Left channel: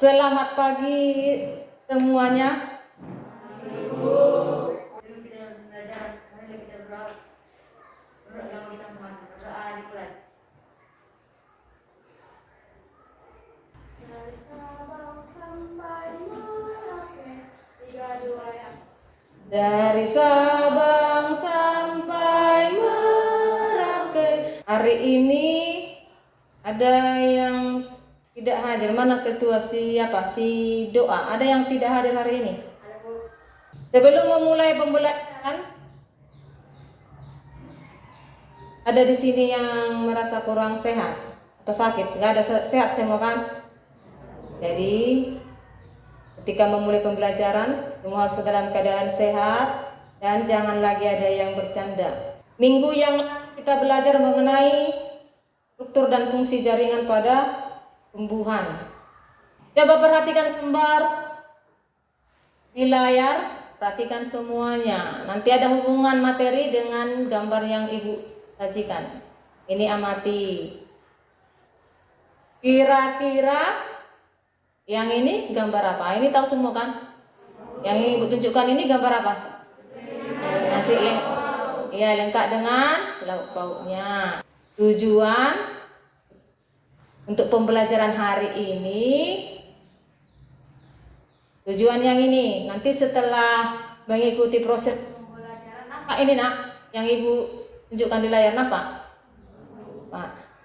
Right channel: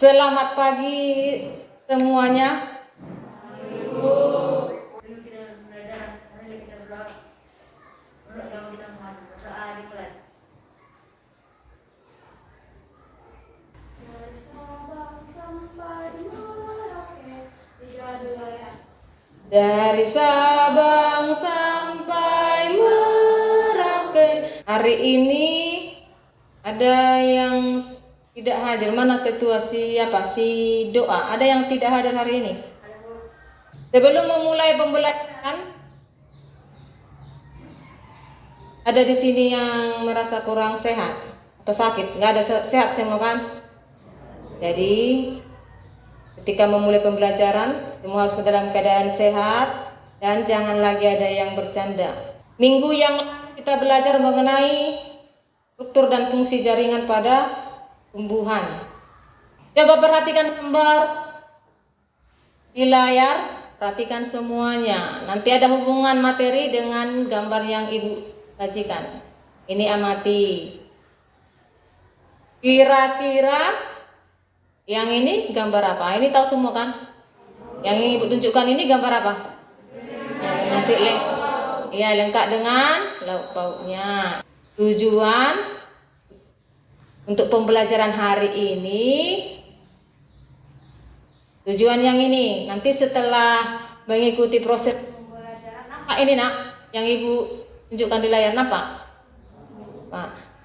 Selamat pagi semuanya. Dari Sabang sampai Merauke. Hari ini ada yang tidak hadir. Mana ketua siapa? Si Doa. Ada yang tidak hadir hari ini? Sebelum memulai pembelajaran, ada di sini yang merasa kurang sehat atau sakit? Nggak ada, sehat semua kan? Jadi ketika memulai pembelajaran, semua harus dalam keadaan sehat dan jangan lagi ada yang bercanda. Minggu yang kita belajar mengenai struktur dan fungsi jaringan pada tumbuhan. Coba perhatikan gambar di layar, perhatikan semuanya. Nanti ada hubungan materi dengan gambar yang Ibu sajikan. Ini amati. Kira-kira yang ini gambar apa? Ini tahu semua kan? Yang ini Ibu tunjukkan ini gambar apa? Masih lengkap dengan lauk pauknya. Tujuan untuk pembelajaran hari ini, tujuan yang ini. Nanti setelah mengikuti proses pembelajaran, nampak ini nak? Yang Ibu tunjukkan di layar nampak?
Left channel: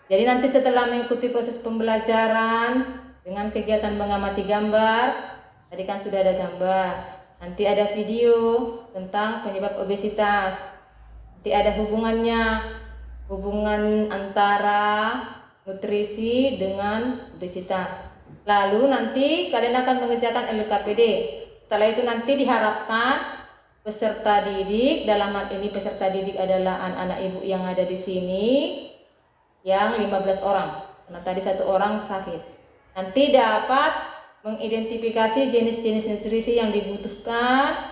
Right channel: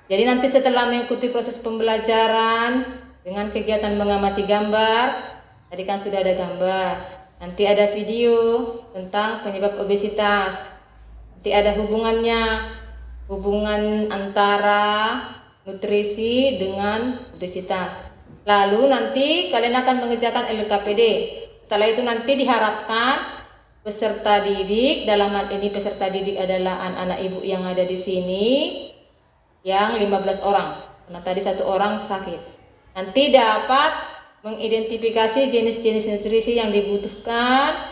Jadi nanti setelah mengikuti proses pembelajaran dengan kegiatan mengamati gambar, tadi kan sudah ada gambar, nanti ada video tentang penyebab obesitas, nanti ada hubungan antara nutrisi dengan obesitas. Lalu nanti kalian akan mengerjakan LKPD. Setelah itu nanti diharapkan peserta didik, dalam hal ini peserta didik adalah anak-anak ibu yang ada di sini, yang 15 orang, karena tadi 1 orang sakit. Nanti dapat mengidentifikasi jenis-jenis nutrisi yang dibutuhkan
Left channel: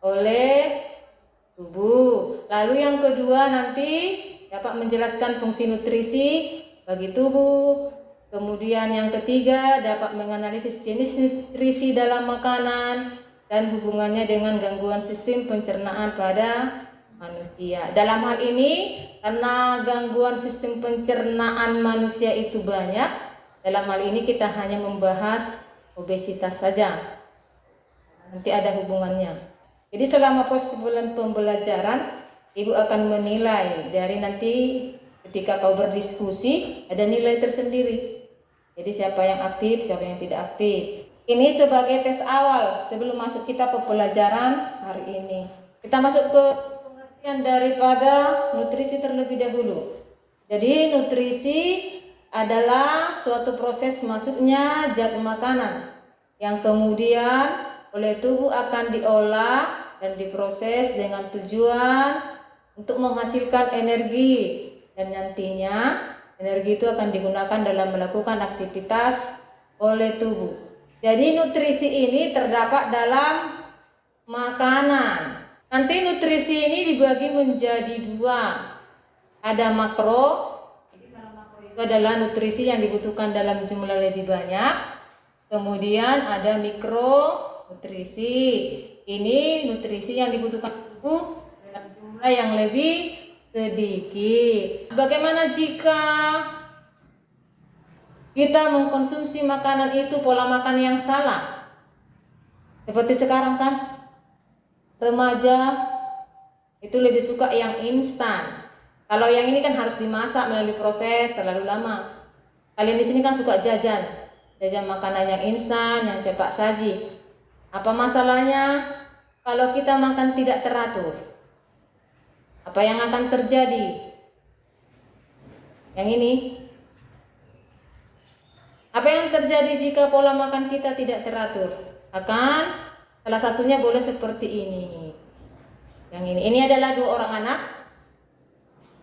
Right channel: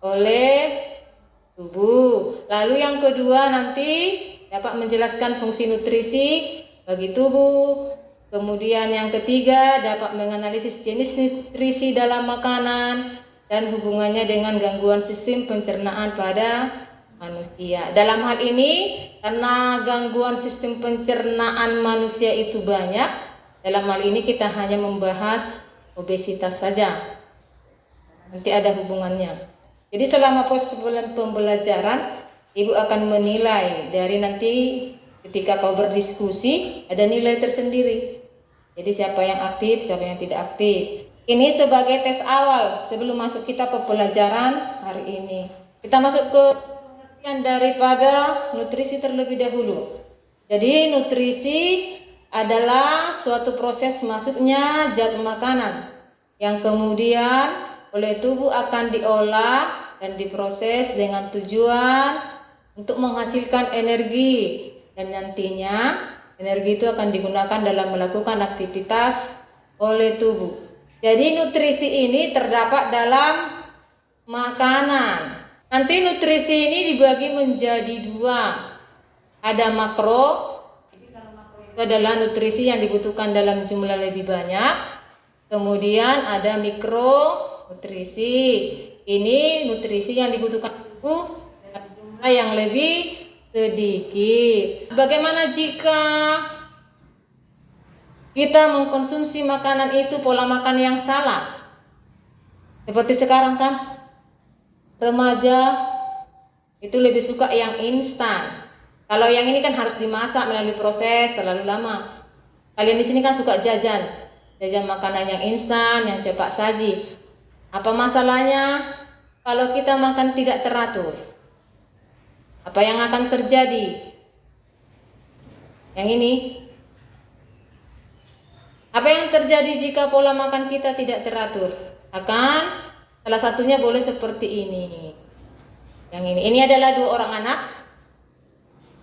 oleh tubuh. Lalu yang kedua nanti dapat menjelaskan fungsi nutrisi bagi tubuh. Kemudian yang ketiga dapat menganalisis jenis nutrisi dalam makanan dan hubungannya dengan gangguan sistem pencernaan pada manusia. Dalam hal ini, karena gangguan sistem pencernaan manusia itu banyak, dalam hal ini kita hanya membahas obesitas saja. Nanti ada hubungannya. Jadi selama proses pembelajaran, Ibu akan menilai dari nanti ketika kau berdiskusi ada nilai tersendiri. Jadi siapa yang aktif, siapa yang tidak aktif. Ini sebagai tes awal sebelum masuk kita ke pelajaran hari ini. Kita masuk ke pengertian daripada nutrisi terlebih dahulu. Jadi nutrisi adalah suatu proses masuknya zat makanan yang kemudian oleh tubuh akan diolah dan diproses dengan tujuan untuk menghasilkan energi, dan nantinya energi itu akan digunakan dalam melakukan aktivitas oleh tubuh. Jadi nutrisi ini terdapat dalam makanan. Nanti nutrisi ini dibagi menjadi 2. Ada makro, adalah nutrisi yang dibutuhkan dalam jumlah lebih banyak. Kemudian ada mikronutrisi. Ini nutrisi yang dibutuhkan tubuh dalam jumlah yang lebih sedikit. Bagaimana jika kita mengkonsumsi makanan itu pola makan yang salah? Seperti sekarang kan, remaja itu lebih suka yang instan. Kalau yang ini kan harus dimasak melalui proses terlalu lama. Kalian di sini kan suka jajan makanan yang instan, yang cepat saji. Apa masalahnya kalau kita makan tidak teratur? Apa yang akan terjadi? Yang ini. Apa yang terjadi jika pola makan kita tidak teratur? Salah satunya boleh seperti ini. Yang ini. Ini adalah 2 orang anak.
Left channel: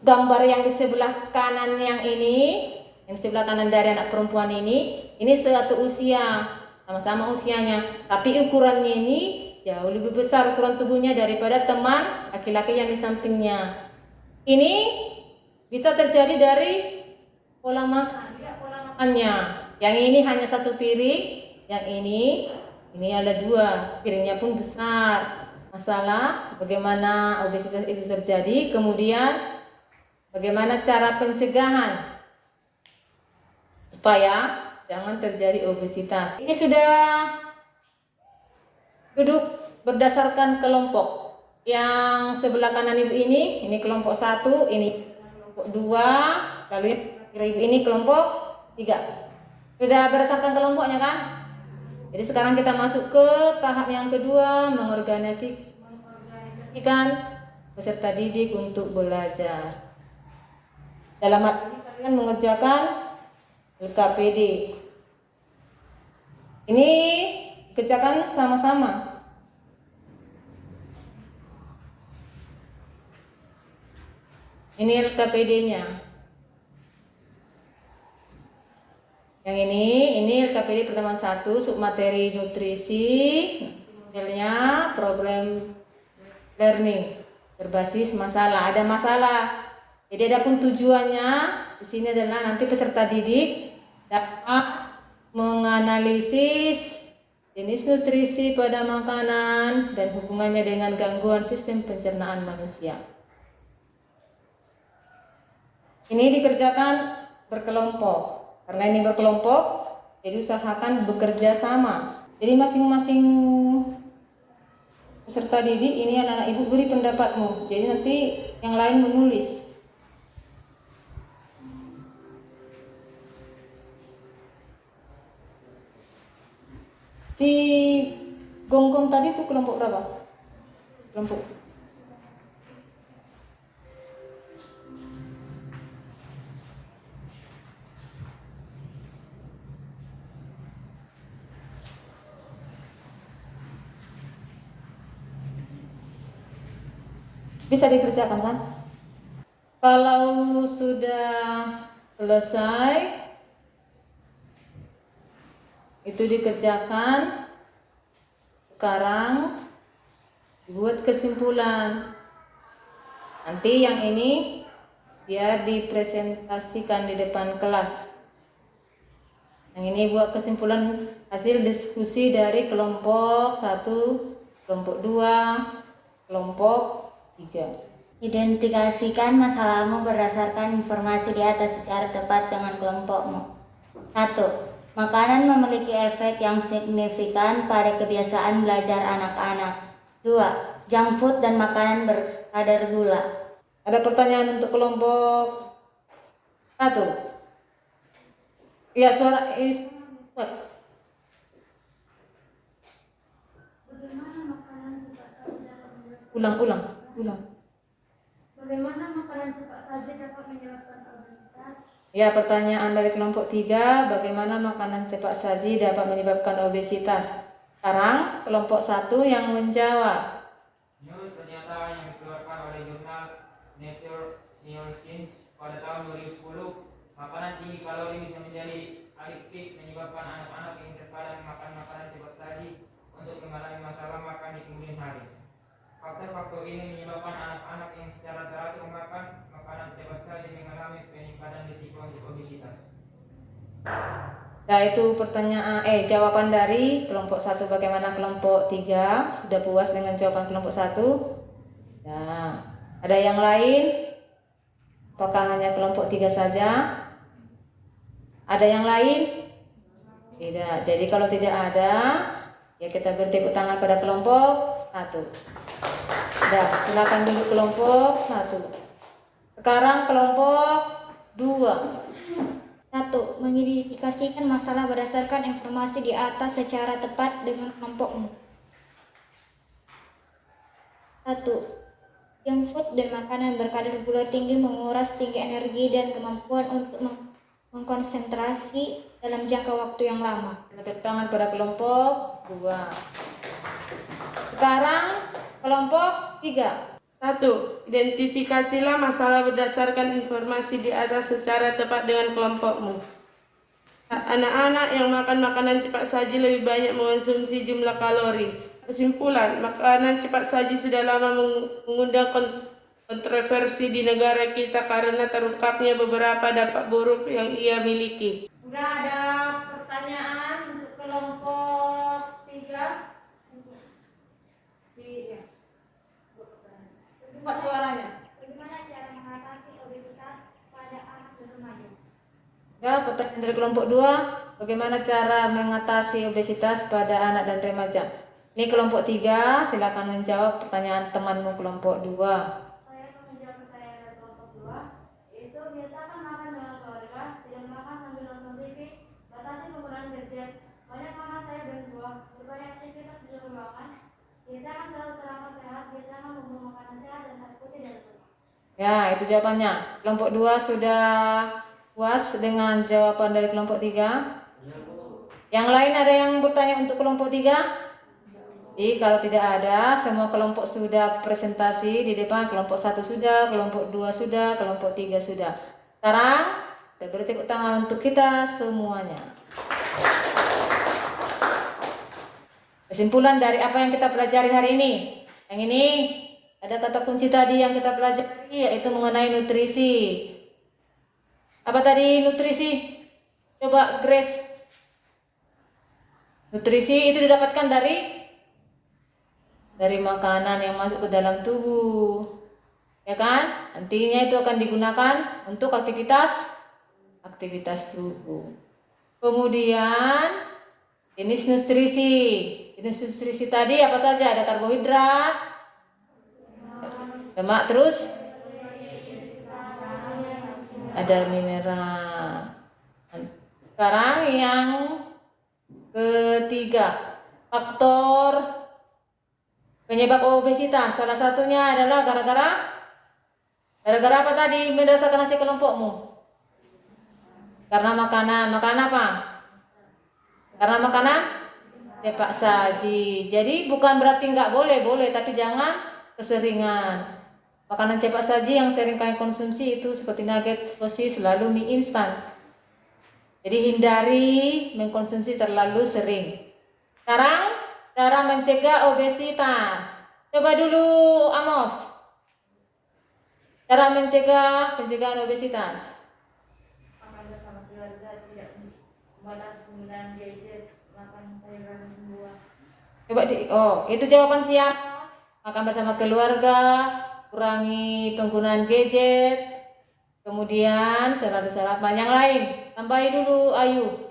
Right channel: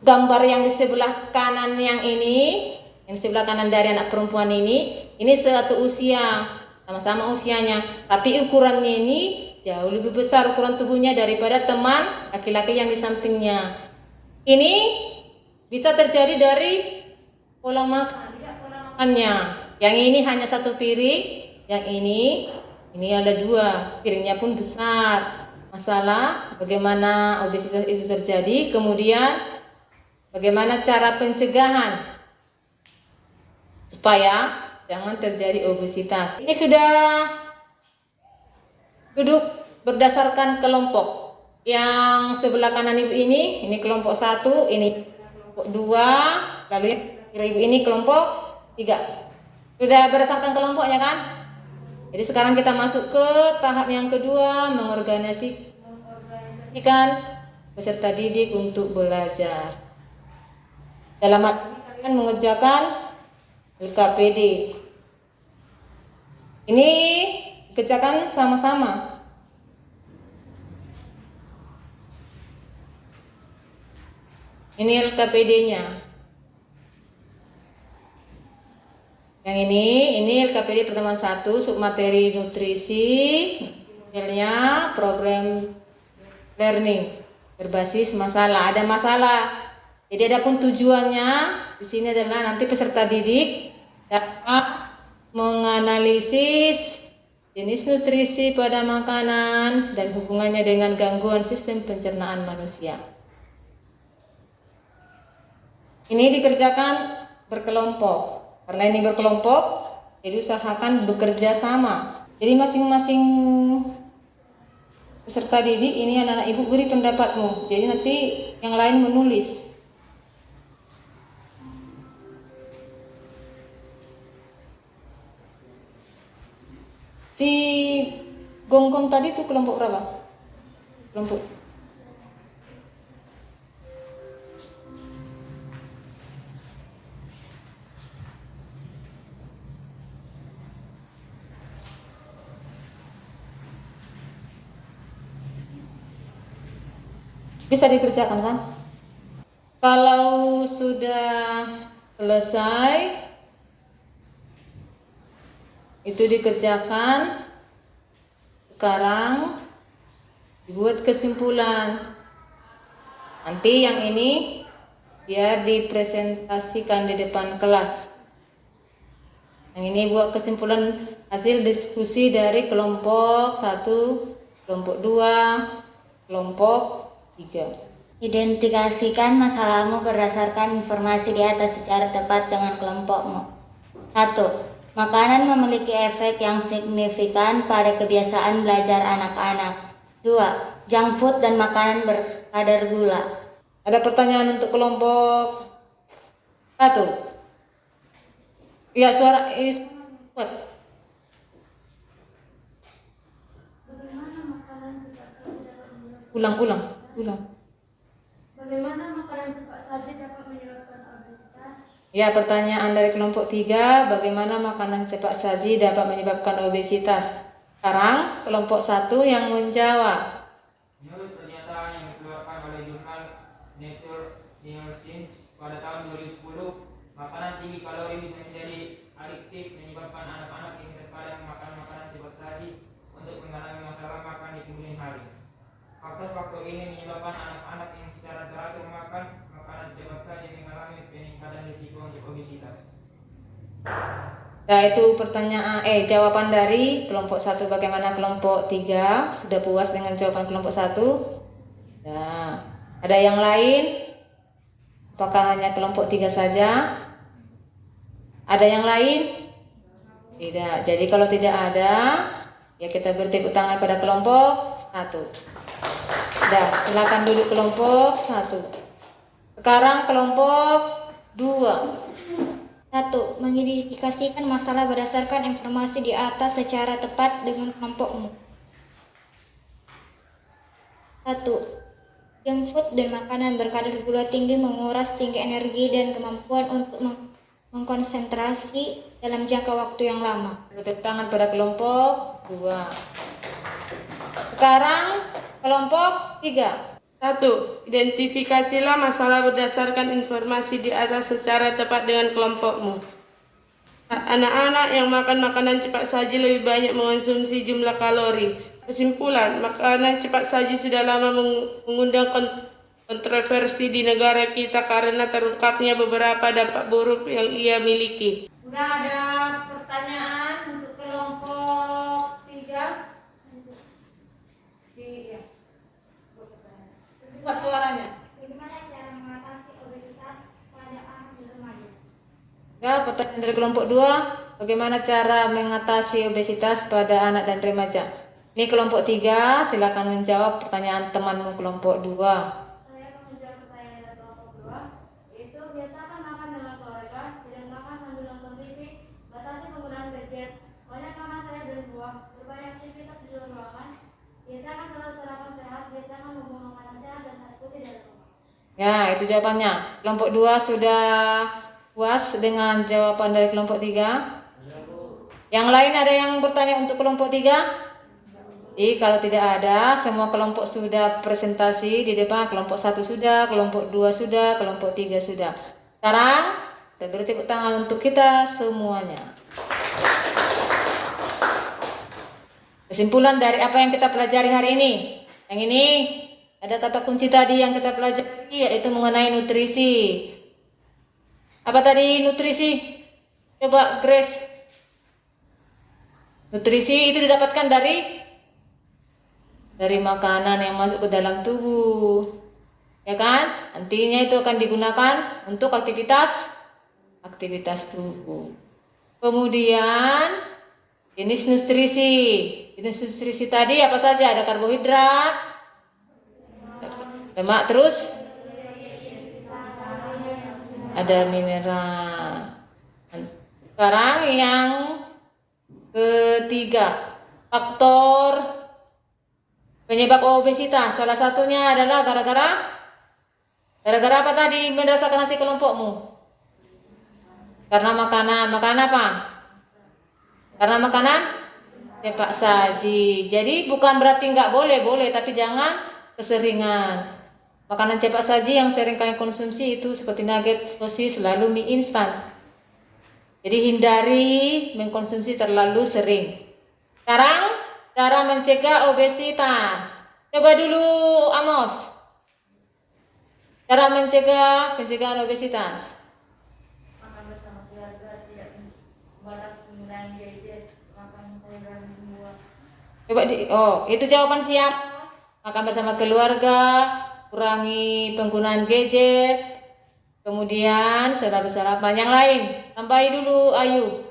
Gambar yang di sebelah kanan yang sebelah kanan dari anak perempuan ini satu usia, sama-sama usianya, tapi ukurannya ini jauh lebih besar ukuran tubuhnya daripada teman laki-laki yang di sampingnya. Ini bisa terjadi dari pola makannya. Yang ini hanya 1 piring, Yang ini ada 2, piringnya pun besar. Masalah bagaimana obesitas itu terjadi, kemudian bagaimana cara pencegahan supaya jangan terjadi obesitas. Ini sudah duduk berdasarkan kelompok. Yang sebelah kanan ibu ini kelompok 1, ini kelompok 2, lalu yang kiri ibu ini kelompok 3. Sudah berdasarkan kelompoknya kan? Jadi sekarang kita masuk ke tahap yang kedua, mengorganisasikan peserta didik untuk belajar. Dalam hal ini kalian mengerjakan LKPD. Ini kerjakan sama-sama. Ini LKPD-nya. Yang ini LKPD pertemuan 1, submateri nutrisi, modelnya program learning berbasis masalah. Ada masalah. Jadi adapun tujuannya di sini adalah nanti peserta didik dapat menganalisis jenis nutrisi pada makanan dan hubungannya dengan gangguan sistem pencernaan manusia. Ini dikerjakan berkelompok. Karena ini berkelompok, jadi usahakan bekerja sama. Jadi masing-masing peserta didik ini anak-anak ibu beri pendapatmu. Jadi nanti yang lain menulis. Si gonggong tadi itu kelompok berapa? Kelompok bisa dikerjakan kan? Kalau sudah selesai itu dikerjakan, sekarang dibuat kesimpulan. Nanti yang ini biar dipresentasikan di depan kelas. Yang ini buat kesimpulan hasil diskusi dari kelompok 1, kelompok 2, kelompok 3. Identifikasikan masalahmu berdasarkan informasi di atas secara tepat dengan kelompokmu. 1. Makanan memiliki efek yang signifikan pada kebiasaan belajar anak-anak. 2. Junk food dan makanan berkadar gula. Ada pertanyaan untuk kelompok 1? Ya, suara kuat. Bagaimana makanan cepat saji dapat menyebabkan Ulang. Bagaimana makanan cepat saji dapat menyebabkan obesitas? Ya, pertanyaan dari kelompok 3, bagaimana makanan cepat saji dapat menyebabkan obesitas? Sekarang kelompok 1 yang menjawab. Menurut pernyataan yang dikeluarkan oleh jurnal Nature Neuroscience pada tahun 2010, makanan tinggi kalori bisa menjadi adiktif, menyebabkan anak-anak yang terkadang makan makanan cepat saji untuk mengalami masalah makan di kemudian hari. Faktor-faktor ini menyebabkan anak-anak yang secara teratur makan makanan cepat saji mengalami peningkatan risiko untuk obesitas. Nah, itu pertanyaan jawaban dari kelompok 1. Bagaimana kelompok 3? Sudah puas dengan jawaban kelompok 1? Nah, ada yang lain? Apakah hanya kelompok 3 saja? Ada yang lain? Tidak. Jadi kalau tidak ada, ya kita beri tepuk tangan pada kelompok 1. Sudah, silakan duduk kelompok 1. Sekarang kelompok 2. 1. Mengidentifikasikan masalah berdasarkan informasi di atas secara tepat dengan kelompokmu. 1. Junk food dan makanan berkadar gula tinggi menguras tinggi energi dan kemampuan untuk mengkonsentrasi dalam jangka waktu yang lama. Tepuk tangan pada kelompok 2. Sekarang kelompok 3. 1. Identifikasilah masalah berdasarkan informasi di atas secara tepat dengan kelompokmu. Anak-anak yang makan makanan cepat saji lebih banyak mengonsumsi jumlah kalori. Kesimpulan, makanan cepat saji sudah lama mengundang kontroversi di negara kita karena terungkapnya beberapa dampak buruk yang ia miliki. Sudah ada pertanyaan untuk kelompok Kuat suaranya. Bagaimana cara mengatasi obesitas pada anak dan remaja? Ya, pertanyaan dari kelompok 2. Bagaimana cara mengatasi obesitas pada anak dan remaja? Ini kelompok 3, silakan menjawab pertanyaan temanmu kelompok 2. Saya akan menjawab pertanyaan dari kelompok 2, yaitu biasakan makan dengan keluarga, tidak makan sambil nonton TV, batasi penggunaan gadget, banyak makan sayur dan buah, berbanyak aktivitas di luar ruangan, biasakan selalu sarapan sehat, biasakan membuang makanan sehat dan air putih dalam rumah. Ya, itu jawabannya. Kelompok 2 sudah puas dengan jawaban dari kelompok 3. Yang lain ada yang bertanya untuk kelompok 3? Jadi kalau tidak ada, semua kelompok sudah presentasi di depan. Kelompok 1 sudah, kelompok 2 sudah, kelompok 3 sudah. Sekarang kita beri tepuk tangan untuk kita semuanya. Kesimpulan dari apa yang kita pelajari hari ini. Yang ini ada kata kunci tadi yang kita pelajari, yaitu mengenai nutrisi. Apa tadi nutrisi? Coba Grace. Nutrisi itu didapatkan dari makanan yang masuk ke dalam tubuh, ya kan? Nantinya itu akan digunakan untuk aktivitas tubuh. Kemudian jenis nutrisi tadi apa saja? Ada karbohidrat, lemak, terus ada mineral. Sekarang yang ketiga, faktor penyebab obesitas. Salah satunya adalah gara-gara apa tadi berdasarkan hasil kelompokmu? Karena makanan. Makanan apa? Karena makanan cepat saji. Jadi bukan berarti nggak boleh, tapi jangan keseringan. Makanan cepat saji yang sering kalian konsumsi itu seperti nugget, sosis, lalu mie instan. Jadi hindari mengkonsumsi terlalu sering. Sekarang cara mencegah obesitas. Coba dulu Amos. Cara pencegahan obesitas. Makan bersama keluarga, tidak membatasi penggunaan gadget, makan sayuran dan buah. Coba itu jawaban siap. Makan bersama keluarga, kurangi penggunaan gadget. Kemudian selalu sarapan. Yang lain, tambahi dulu Ayu.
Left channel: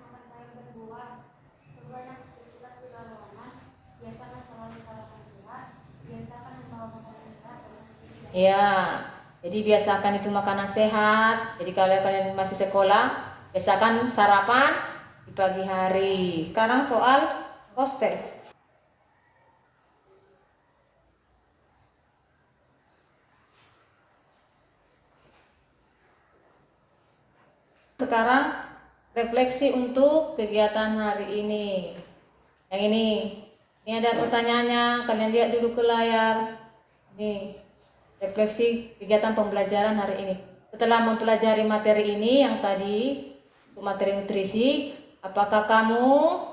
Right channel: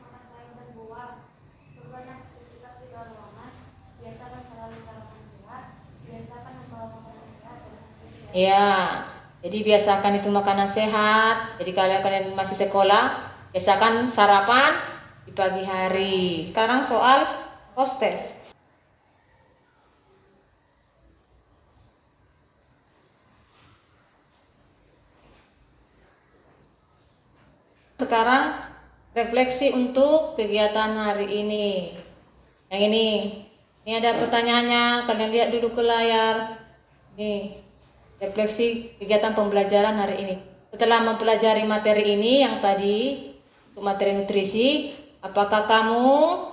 Makan sayur dan buah, berbanyak aktivitas di luar ruangan, biasakan selalu sarapan sehat, biasakan membawa makanan sehat dan aktivitas. Ya, jadi biasakan itu makanan sehat. Jadi kalau kalian masih sekolah, biasakan sarapan di pagi hari. Sekarang soal hostess. Sekarang refleksi untuk kegiatan hari ini. Yang ini ada pertanyaannya. Kalian lihat dulu ke layar. Nih, refleksi kegiatan pembelajaran hari ini. Setelah mempelajari materi ini yang tadi untuk materi nutrisi, apakah kamu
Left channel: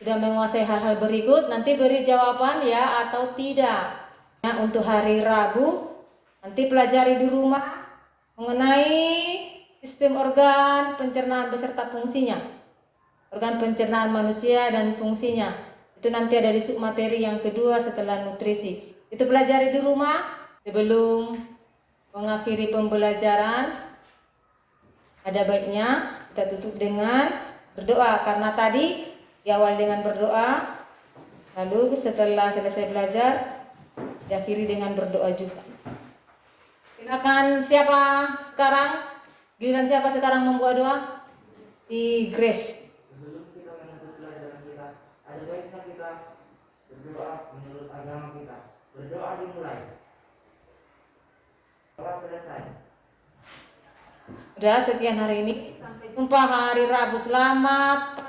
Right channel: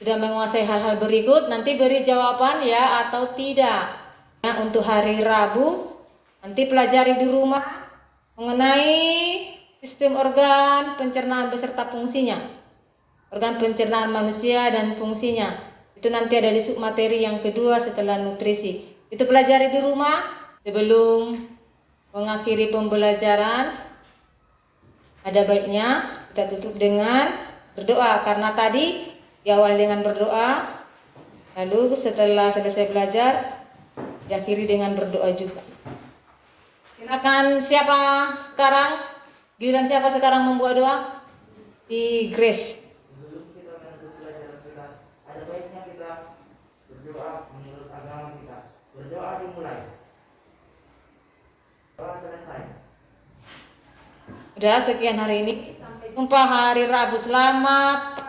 sudah menguasai hal-hal berikut? Nanti beri jawaban ya atau tidak. Nah, untuk hari Rabu nanti pelajari di rumah mengenai sistem organ pencernaan beserta fungsinya. Organ pencernaan manusia dan fungsinya. Itu nanti ada di submateri yang kedua setelah nutrisi. Itu pelajari di rumah. Sebelum mengakhiri pembelajaran, ada baiknya kita tutup dengan berdoa. Karena tadi diawali dengan berdoa, lalu setelah selesai belajar diakhiri dengan berdoa juga. Silakan siapa sekarang? Giliran siapa sekarang membuat doa? Si Grace. Sebelum kita menutup pelajaran kita, ada baiknya kita berdoa menurut agama kita. Berdoa dimulai. Doa selesai. Udah sekian hari ini. Sampai jumpa hari Rabu. Selamat